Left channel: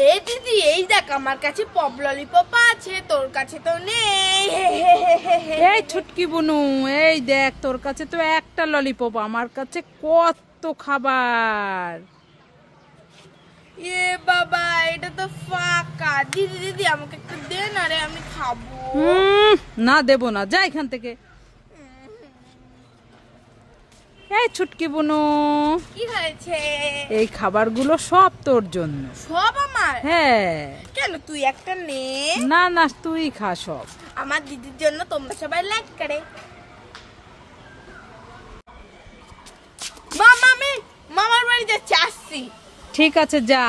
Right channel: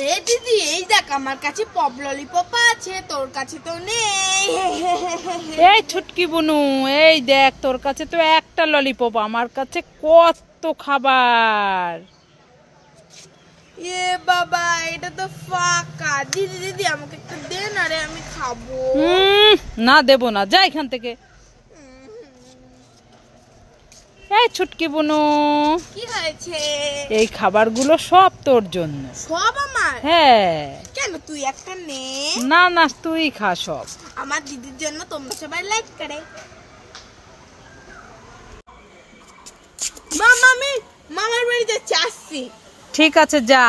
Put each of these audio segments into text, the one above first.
এই দিদি এই দেখ আমার কাছে পপ ললিপপ আছে, তোর কাছে তো নেই। এই ছুটকি বুনু, এই দেখ তোর কাছে তো একটা ললিপপ, আমার কাছে কত খাবার। এ বাবা এটা তো ফাঁকা। দিদি দিদি আমাকে একটু দে না রে, আমি খাবো। না দেবো না, যা এখান থেকে। এই ছুটকি বুনু, কি হয়েছে? এই খাবারগুলো সব তোর জন্য। সব আমার? হ্যাঁ। কেন তুই একটা নে। না না, তুই খা সব। আমার দিদির জন্য তোমরা সবাই লাইক করে। মামা আমি মামার বাড়ি যাচ্ছি, আসছি। ঠিক আছে যা।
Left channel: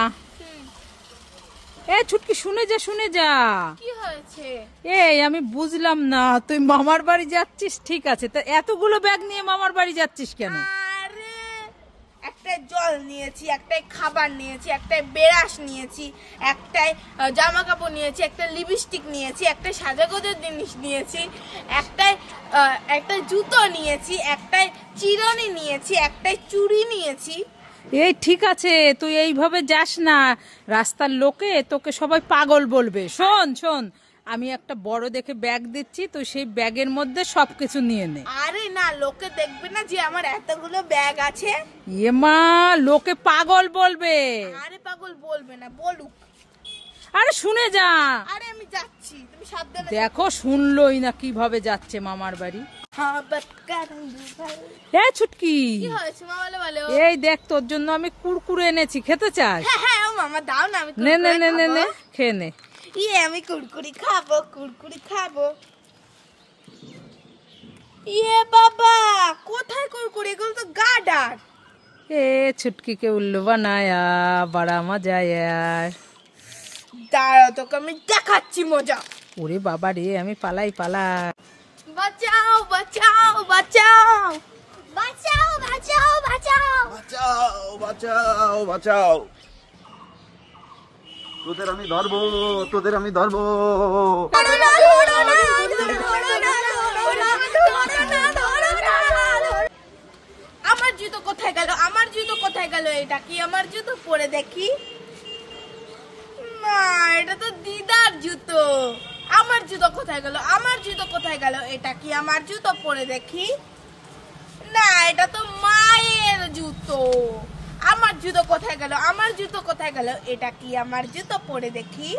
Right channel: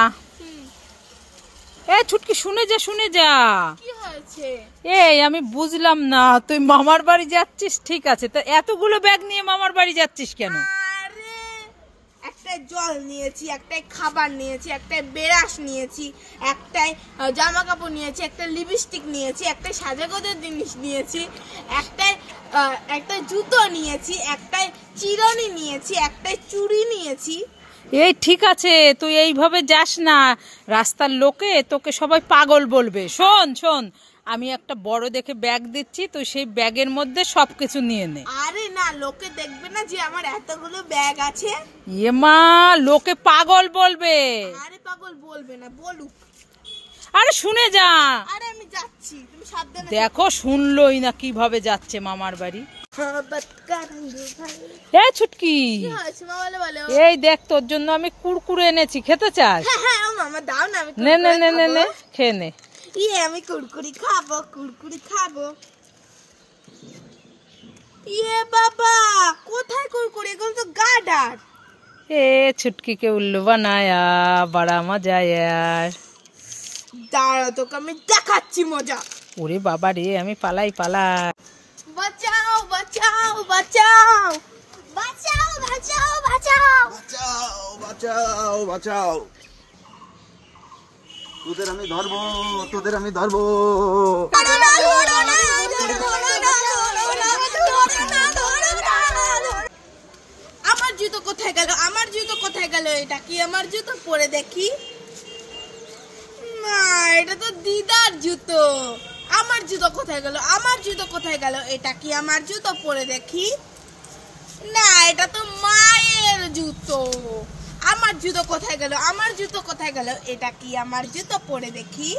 এই ছুটকি শুনে যা, শুনে যা। কি হয়েছে? এই আমি বুঝলাম না, তুই মামার বাড়ি যাচ্ছিস ঠিক আছে, তা এতগুলো ব্যাগ নিয়ে মামার বাড়ি যাচ্ছিস কেন? আরে একটাই জল নিয়েছি, একটাই খাবার নিয়েছি, একটাই ব্রাশ নিয়েছি, একটাই জামা কাপড় নিয়েছি, একটা লিপস্টিক নিয়েছি, একটাই সাজাগোজের জিনিস নিয়েছি, একটাই জুতো নিয়েছি, একটাই চিরুনি নিয়েছি, একটাই চুড়ি নিয়েছি। এই ঠিক আছে, তুই এইভাবে যাস না, রাস্তার লোকে তোকে সবাই পাগল বলবে। শোন শোন, আমি একটা বড় দেখে ব্যাগ দিচ্ছি, তুই সেই ব্যাগের মধ্যে সবকিছু নিয়ে নে। আরে না, লোকে দেখবে না যে আমার এতগুলো ব্যাগ আছে। এ মা, লোকে পাগল বলবে। আরে পাগল বলবে না, বলুক। আরে শুনে যা। আরে আমি যাচ্ছি, তুমি সাবধানে দেখো শুনলই না কিভাবে যাচ্ছে মামার বাড়ি। এই ছুটকি, কি হয়েছে বলো বলো। এই দেখ তোর জন্য আমি কুরকুরে এনেছি, খেতে চাস? হ্যাঁ হ্যাঁ মামা দাও না, আমি নে নে নে নে নে, খেয়ে নে। আমি কুরকুরি খাবো, কুরকুরি খাবো। ইয়ে বাবা, কোথায় কুরকুরি? এগুলো তো গাডার। এ ছুটকি কে উল্লু বানায়া, বড়া মজা यार। দাঁড়াও, তোকে আমি দেখাচ্ছি মজা। ওরে বাবা রে, আমি পালাই পালাই। বাঁচাও বাঁচাও বাঁচাও বাঁচাও বাঁচাও বাঁচাও বাঁচাও বাঁচাও বাঁচাও, তোদের আমি ধরবো, তোদের আমি ধরবো। আমার জুতো কোথায় গেল? আমার জুতো কোথায় গেল? এটা কি আমার জুতো? পরে দেখি। না, এটা তো দিদার জুতো। আমার জুতো কোথায় গেল? আমার জুতো কোথায় গেল? এটা কি আমার জুতো? পরে দেখি। না, এটা তো মায়ের জুতো। আমার জুতো কোথায় গেল? আমার জুতো কোথায় গেল? এটা কি আমার জুতো? পরে দেখি।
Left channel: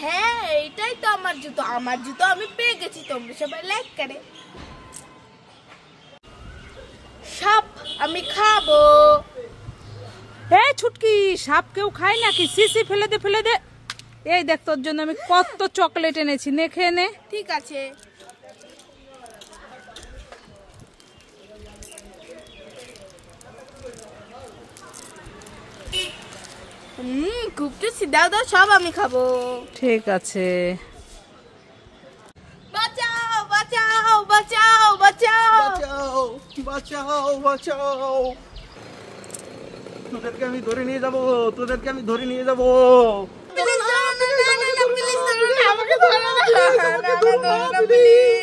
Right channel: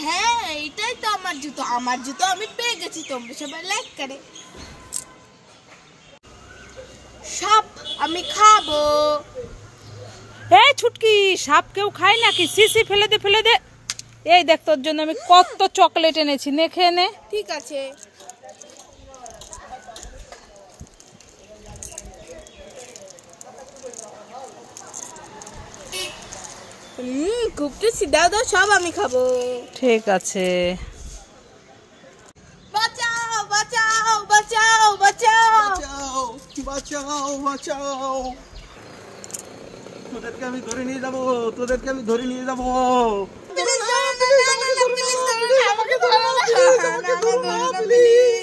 হ্যাঁ, এটাই তো আমার জুতো। আমার জুতো আমি পেয়ে গেছি, তোমরা সবাই লাইক করে। সব আমি খাবো। এই ছুটকি, সাপ কেউ খায় নাকি? সিসি ফেলে দে, ফেলে দে। এই দেখ তোর জন্য আমি কত চকলেট এনেছি, নে খেয়ে নে। ঠিক আছে। খুব টেস্টি, দাও দাও, সব আমি খাবো। ঠিক আছে। বাঁচাও বাঁচাও বাঁচাও বাঁচাও বাঁচাও বাঁচাও বাঁচাও, তোদেরকে আমি ধরে নিয়ে যাবো, তোদেরকে আমি ধরে নিয়ে যাবো। প্লিজ আমাকে ধরো না, আমাকে ধরো না, আমাকে ধরো না, প্লিজ।